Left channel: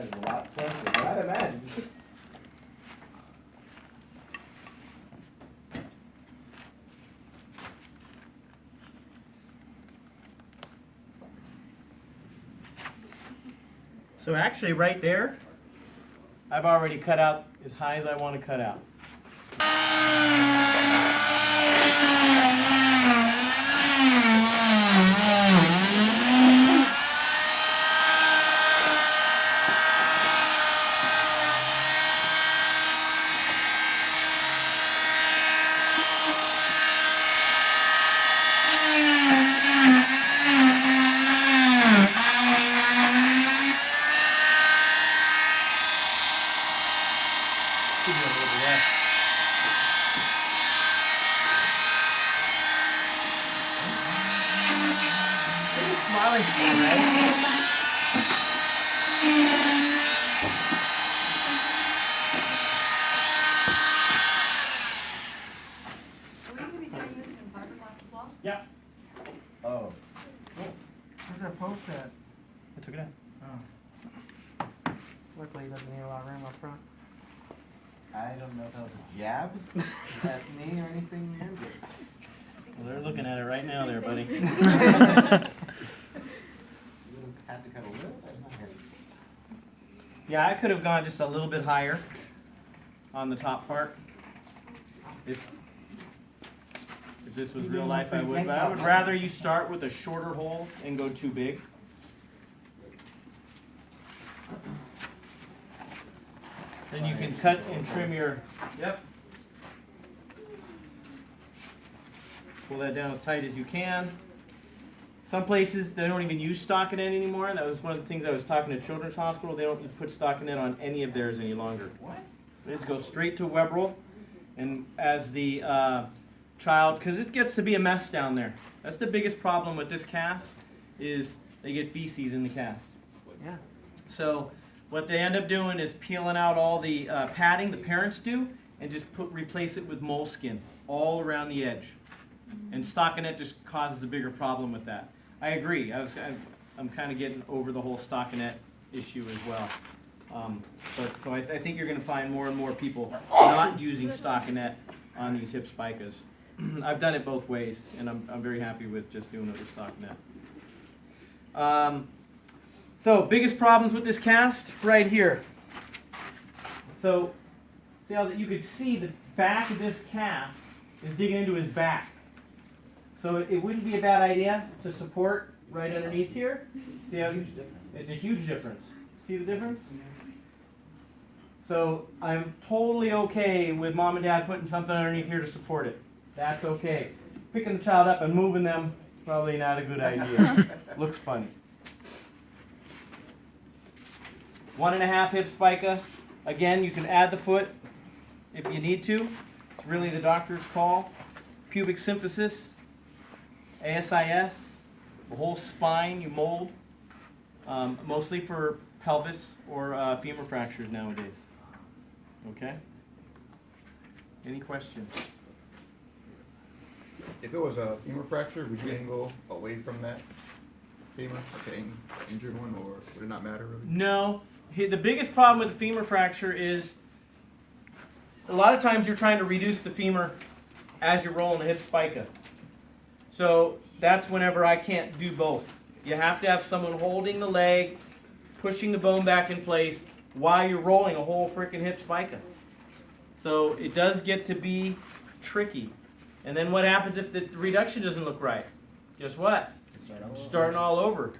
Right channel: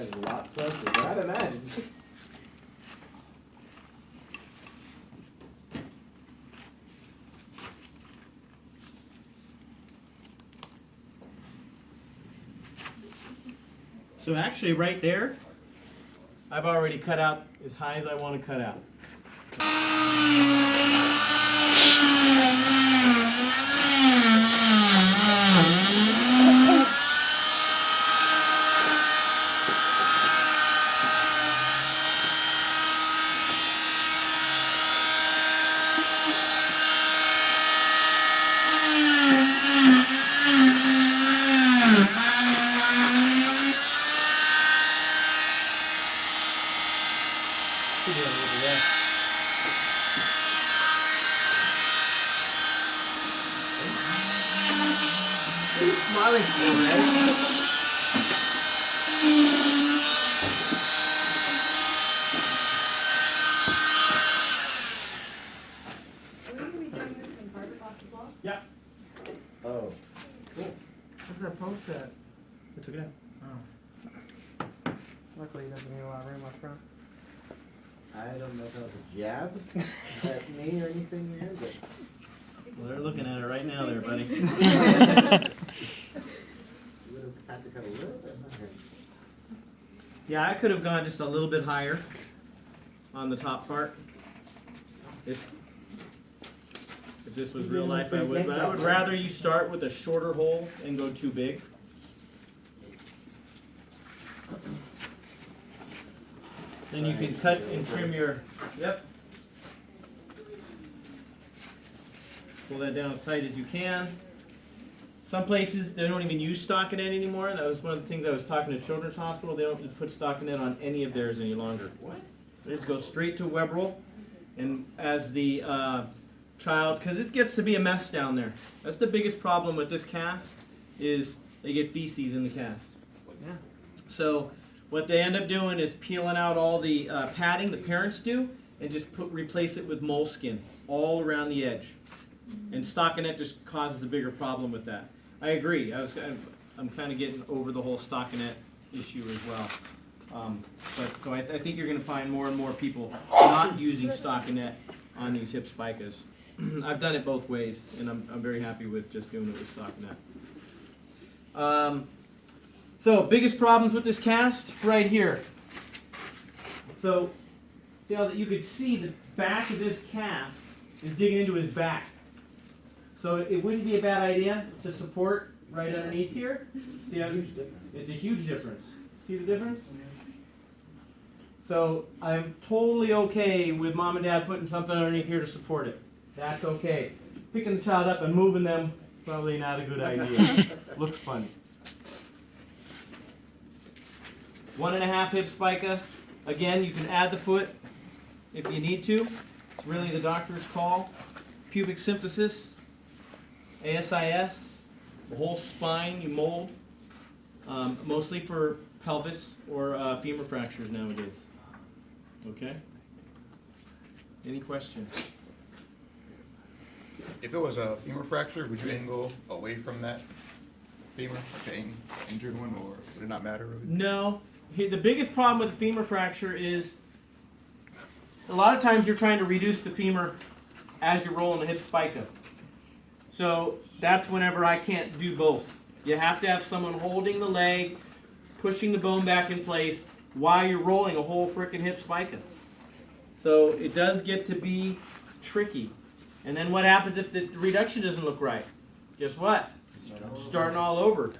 That's a lot closer, I'd imagine. So actually right there, I've already cut out as high as I want to cut out. Should be a little less. What are you smiling for, right? Will you be doing this in parking lots as well? Yeah. Oh. Where's that post at? I took it out. Oh. Luckily, he doesn't need a lot of room up front. I don't know if that was a jab at me or anything here, but. Well, they're looking at it right now there, buddy. You would have had to cut a little bit higher. Yeah, I could have gone just a little bit higher on the top part. If this was real life, I would. But I would rather you start with a shorter hole and go too big. Then you can cut and trim your, yep. Pull that down as tight as you can. Some places, they don't even use stockinette anymore. That was one of the things I was talking to Children's Hospital. They don't put stockinette on any of theirs any longer. What? They just go straight to web roll. And as the child, because it gets to be a mess down there. That's the biggest problem with this cast, is they get feces in the cast. Yeah. So what they end up doing is peeling out all the padding, the parents do, and just replace it with moleskin all around the edge. And stockinette just causes a bigger problem with that. I agree. I'm kind of getting over the whole stockinette issue as well. So I think you're going to find more and more people not using stockinette on these hip spicas. I've done it both ways, and I'm very happy with just doing it with stockinette. So biggest problems with this cast right here. So see how that you could see the back of this cast is digging into his back. So it wouldn't be a bad idea to support right underneath here. See how it's a huge difference. See the difference? So I'm totally okay with mom and dad putting something underneath here to support it. That's okay. Picking the child up and moving them, probably not a good idea. Looks funny. 1.5 hip spica. Again, you can add the foot if you need to. It's really the doctor's call. Pubic symphysis, ASIS, the whole spine you mold, mostly for pelvis or femur fractures nowadays. Okay? Any questions? If it was a femur fracture, would you angle away from that femur, like the injured one, or would it not matter really? No. The biggest problem with the femur fracture is a lot of times you're trying to reduce the femur as you're rolling the hip spica. So that's whenever I can't do both. You have to have someone holding the leg, pushing the bone back in place while you're rolling a whole freaking hip spica. So it does get to be tricky. And then what happens if the reduction doesn't look right? Guess what? Starting all over.